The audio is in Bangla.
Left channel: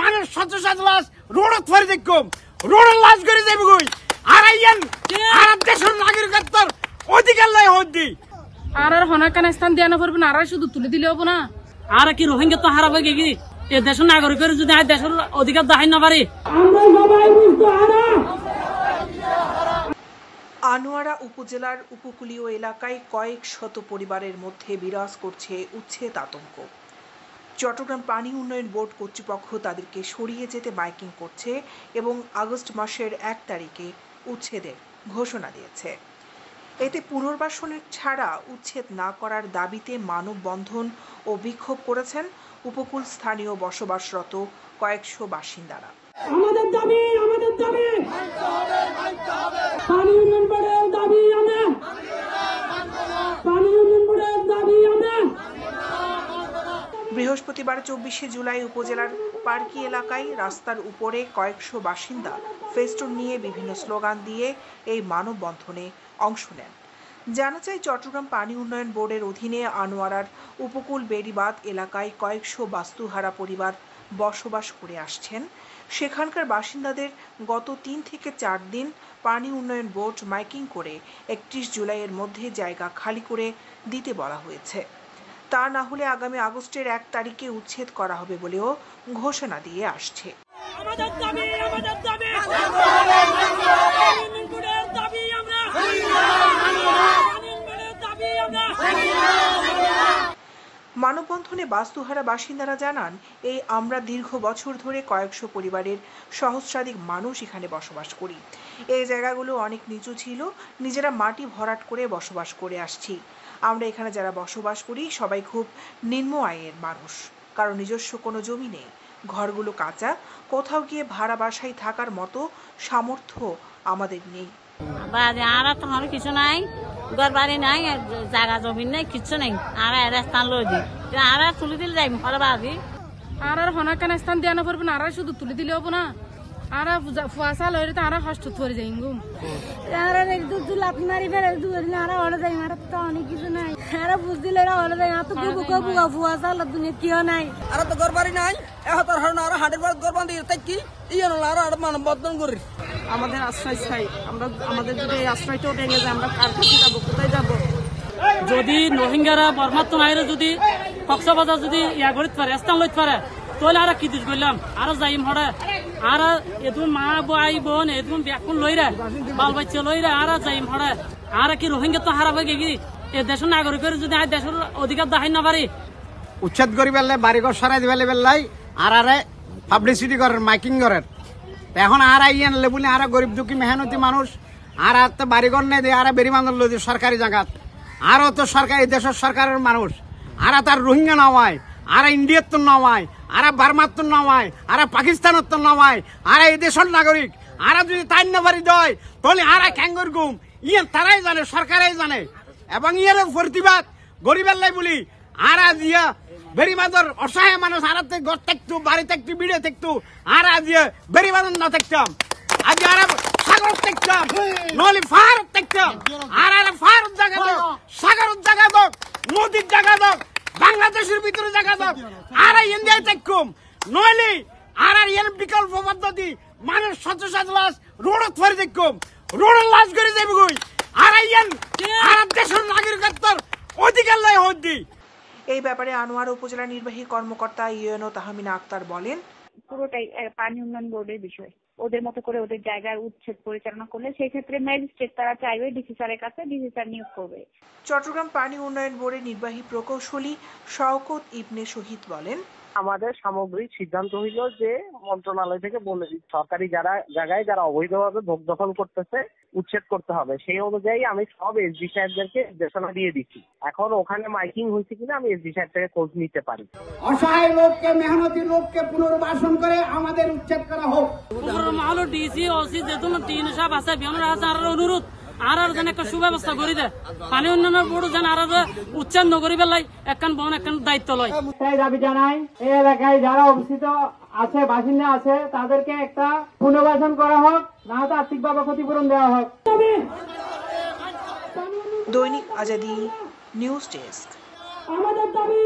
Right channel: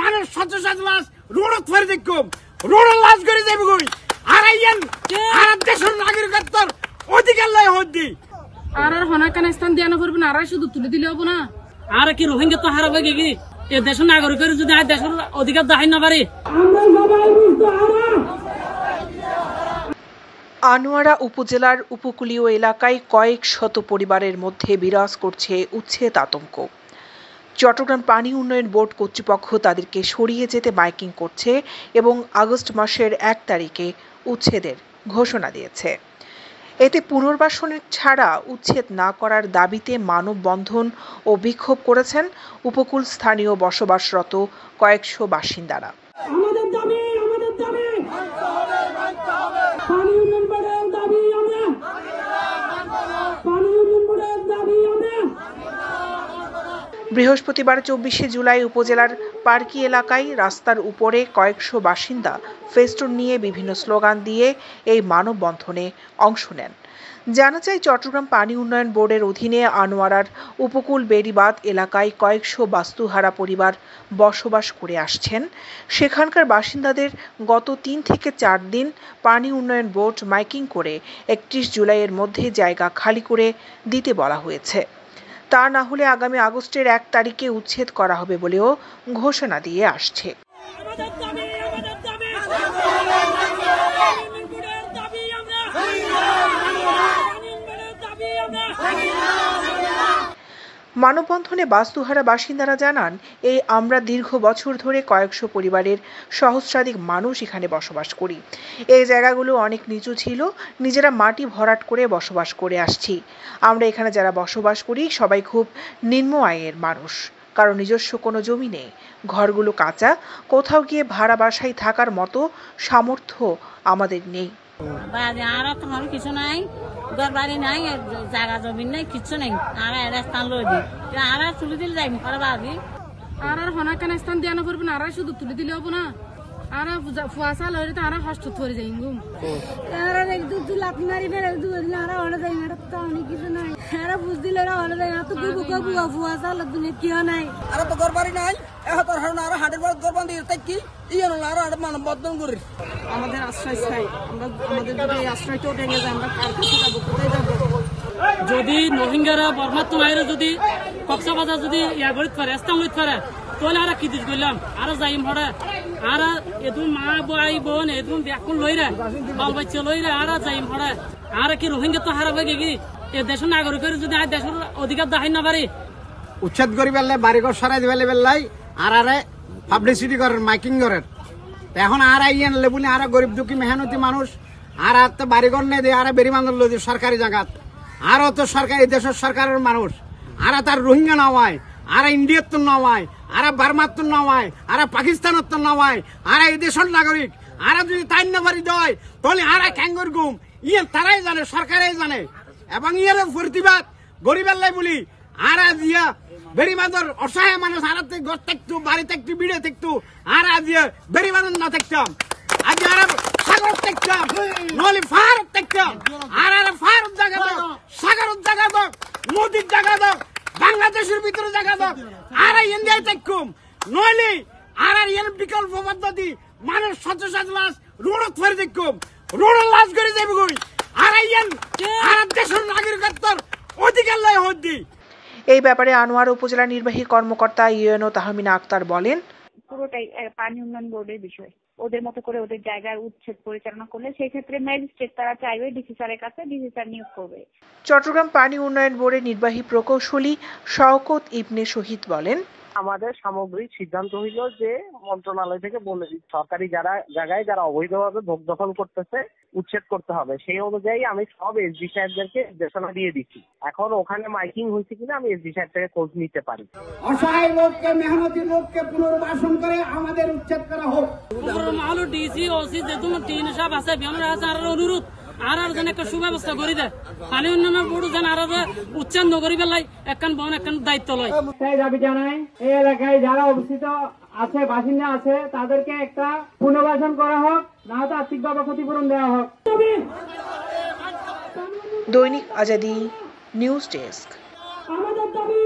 মানুষ শত শত লাশ রোডত ফেরে দেখুম রোডের লাশ করে যাবে কই আর আইয়ান আর দেশের নাগরিকত্বর অধিকার লাই হদ্দি আর হনাকান স্থান দেওয়া করবে না আর শুধু তুলে দিলে হবো না আর কি রোহিঙ্গা তো হারাবে কি এ দেশের নাগরিকের যদি আর দেশের অধিকার দেখাই না পারে। আনোয়ারা উপজেলার উপকূলীয় এলাকায় কয়েক শত পরিবারের মধ্যে বিরাজ করছে উচ্ছেদ আতঙ্ক। চট্টগ্রাম পানি উন্নয়ন বোর্ড কর্তৃপক্ষ তাদেরকে সরিয়ে যেতে মাইকিং করছে এবং আগস্ট মাসের 1 তারিখে উচ্ছেদের ঘোষণা দিয়েছে। এতে পুনর্বাসনের ছাড়া উচ্ছেদ না করার দাবিতে মানববন্ধন ও বিক্ষোভ করেছেন উপকূল স্থানীয় বসবাসরত কয়েকশো বাসিন্দারা। আমাদের দাবি পানি উন্নয়ন বোর্ডের দাবি বৃহস্পতিবার 24শে জুলাই উপজেলার পার্কি এলাকায় রাস্তার উপরে কয়েকশো বাসিন্দা ফেস্টুন নিয়ে বিভিন্ন স্লোগান দিয়ে এই মানববন্ধনে অংশ নেন। জানা যায়, চট্টগ্রাম পানি উন্নয়ন বোর্ডের অধীনে আনোয়ারার উপকূল বেড়িবাঁধ এলাকায় কয়েকশো বাস্তুহারা পরিবার বসবাস করে আসছেন। সেখানকার বাসিন্দাদের গত 3 থেকে 4 দিন পানি উন্নয়ন বোর্ড মাইকিং করে 31 জুলাইয়ের মধ্যে জায়গা খালি করে দিতে বলা হয়েছে। তা না হলে আগামী আগস্টের 1 তারিখে উচ্ছেদ করা হবে বলেও ঘোষণা দিয়ে আসছে। মানববন্ধনে বাস্তুহারা বাসিন্দারা জানান, এই আমরা দীর্ঘ বছর ধরে কয়েকশো পরিবারের সহস্রাধিক মানুষ এখানে বসবাস করি। এই জায়গাগুলো অনেক নিচু ছিল, নিজেরা মাটি ভরাট করে বসবাস করে আসছি। আমরা এখানে যারা বসবাস করি সবাই খুব নিম্ন আয়ের মানুষ, কারণ নিজস্ব কোনো জমি নেই, ঘরগুলো কাঁচা, কোথাও গিয়ে ভাড়া বাসায় থাকার মতো সামর্থ্য আমাদের নেই। কিছু নাই, ঘর বাড়ি নাই, জায়গা জমি নাই, কিছু নাই। আর স্থান লই দিই আর তুলে দিলে যাই ভাড়াবাজি আর হনাকান স্থান দেওয়া করবে না আর শুধু তুলে দিলে হবো না আর ফুয়াশা লইলে তো আর হস্ত ধরে যাই গুম আর লাফি মারি ফেলে আর ওরা যাই আর তো অনেক কিছু নাই আর বুঝ দিলে ওরা যাই আর তো ফুয়াশা দুনিয়া কেউ নাই আর তো ঘর বাড়ি নাই এখন আর হাটের বাড়ি ঘর বান্ধি কি আর মানববন্ধন করি আমাদের আশ্রয় চাই। আমরা আমাদের যদি আশ্রয়টাও ভেঙে যায় আমরা কার কাছে যাবো, কোথায় যাবো? যদি রোহিঙ্গারা বর্মাত্ম মায়েরা যদি কক্সবাজার যদি ইয়া করিতে পারে স্থান লইতে পারে তাহলে আর কি দিস করলাম আর যাইম হরে আর এদুন মা ভাই বোন এদুন ব্যাকুল লইরা বাল বাচ্চা লইরা আর যাইম হরে আর কি রোহিঙ্গা তো হারাবে কি এ দেশের নাগরিকের যদি আর দেশের অধিকার দেখাই না পারে উচ্ছেদ করি বেললে বাড়িঘর সরাই দিবে বেললাই আর আরে পাবলিসিটি করেন মাইকিং করেন। এখন আর আইয়ান লেবুলে আর গরিব দুঃখী মেহনতি মানুষ আর তো বাড়িঘর নেই দিয়ে আর বেরিবান্ধব লই সরকারি জায়গাত আরো তো সরকারি দেশের সরকারের মানুষ আর তার রোহিঙ্গা নামায় আর ইন্ডিয়ার তো নামায় আর বার্মার তো নামায় আর পাকিস্তানের তো নামায় আর এই দেশের নাগরিক আর যদি তাই না বাড়ি দেয় তাহলে আর ক্যাঙ্গর গুম ইয়ে তারাই জানে, সরকারাই জানে। এবং ইয়ের প্রতিবাদ গরিবের লাই বলি আর ইয়া বেরিবাঁধর অসহায় মানুষ আর ঘর থাকতো বাড়ি থাকতো বিড়ে থাকতো আর বেরিবাঁধর না থাকতাম আজ আর সাগর থাকতাম নলি ফার থাকতাম আর ফার জায়গা দাও, সাগরের জায়গা দাও, নদীর জায়গা দাও, বাংলাদেশের ভিতরে জায়গা দাও আর ইন্ডিয়ায় থাকুম নইলে আর এর বিকল্প পদ্ধতি মানুষ শত শত লাশ রোডত ফেরে দেখুম রোডের লাশ করে যাবে কই আর আর দেশের নাগরিকত্বর অধিকার লাই হদ্দি। এই ব্যাপারে আনোয়ারা উপজেলা নির্বাহী কর্মকর্তা ইউএনও তাহমিনা আক্তার বলেন, পুরোটাই পানি উন্নয়ন বোর্ডের বিষয়। ওদের মতো করে ওদের জায়গার উচ্ছেদ পরিচালনা করলে সেই ক্ষেত্রে ম্যাজিস্ট্রেট তারা চাইবে ডিসি স্যারের কাছে, ডিসি স্যার নিয়োগ করবে। চট্টগ্রাম পানি উন্নয়ন বোর্ডের নির্বাহী প্রকৌশলী শওকত ইবনে শহীদ বলেন, আমাদের সামগ্রিক সিদ্ধান্ত হইল যে মন্ত্রণালয় থেকে বলে সরকারি জায়গায় যারা অবৈধভাবে ভোগ দখল করতেছে উচ্ছেদ করতে হবে। সেই অনুযায়ী আমি সব এসডি সাহেবদেরকে নির্দেশনা দিয়ে দিচ্ছি। এখন ওখানে মাইকিং হয়েছে কিনা আমি এসডি সাহেব থেকে খোঁজ নিতে পারি। অসহায় লোককে, মেহনতি লোককে পুনর্বাসন করে আমাদের উচ্ছেদ করা হোক। ডিসি ওসি যেহেতু তিন সাহেব আছে অনুরোধ আর যেন একটা সুব্যবস্থা করে দেয় পানি উন্নয়ন বোর্ড যেন আর উচ্ছেদ নগরী বেলায় একখান বন একখান দায়িত্ব লয়। সেই দাবি জানাই এই এলাকায় যারা অবস্থিত আছে বাসিন্দা আছে তাদেরকে একটা পুনর্বাসন করা হোক, না হয়তো আর্থিকভাবে ক্ষতিপূরণ দেওয়া হোক। দৈনিক আজাদী নিউজ ডেস্ক। আমাদের দাবি